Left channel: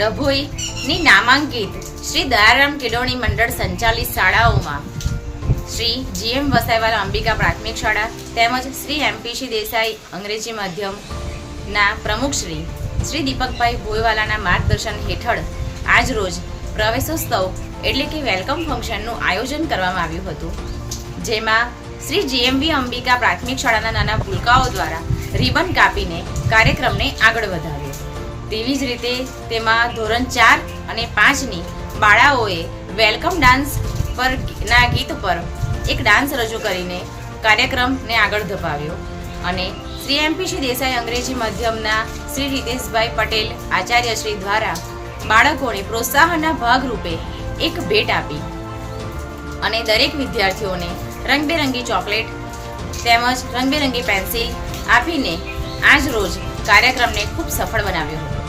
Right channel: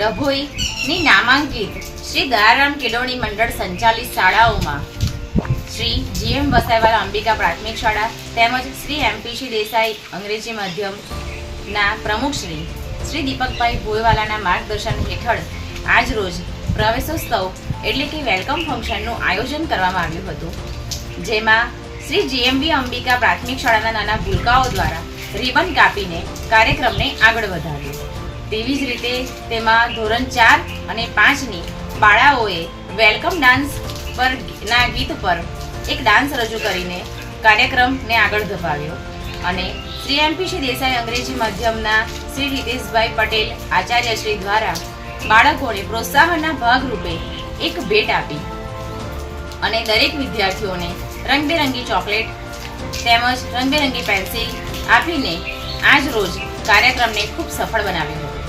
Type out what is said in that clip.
ડભોઈની નામાંકિત શ્રી દયારામ કેળવણી મંડળ સંચાલિત શાળાઓમાં શ્રી જીએમ વસાઈવાલા અંબિકા પ્રાથમિક શાળા તેમજ શ્રી એમપીસી દેસાઈ અંગ્રેજી માધ્યમના પ્રમુખશ્રી શ્રી દીપકભાઈ ભોયવાલાના માર્ગદર્શન હેઠળ આજ રોજ પ્રવેશોત્સવ એટલે કે વેલકમ ફંક્શનનું આયોજન કરવામાં આવ્યું હતું. જેમાં શ્રી જીએમબી અંબિકા પ્રાથમિક શાળાના નાના ભૂલકાઓ દ્વારા રિબન કાપીને કાર્યક્રમને આગળ વધાર્યો તેવી જ રીતે તેમાં ધોરણ ચાર અને પાંચની બાળાઓએ વેલકમ ડાન્સ પર ના ગીત પર એક ડાન્સ રજૂ કરીને કાર્યક્રમને આગળ ધપાવ્યો. અને શ્રી એમપીસી દેસાઈ અંગ્રેજી માધ્યમના શ્રી રીતેશભાઈ પટેલ આચાર્યશ્રી દ્વારા બાળકોને પ્રોત્સાહનના ભાગરૂપે એક ભેટ આપી. અને દરેક વિદ્યાર્થીઓને રંગબેરંગી ચોકલેટ તેમજ રંગબેરંગી પેન્સિલ આપીને આજ રોજ કાર્યક્રમને ખૂબ સફળ બનાવ્યો હતો.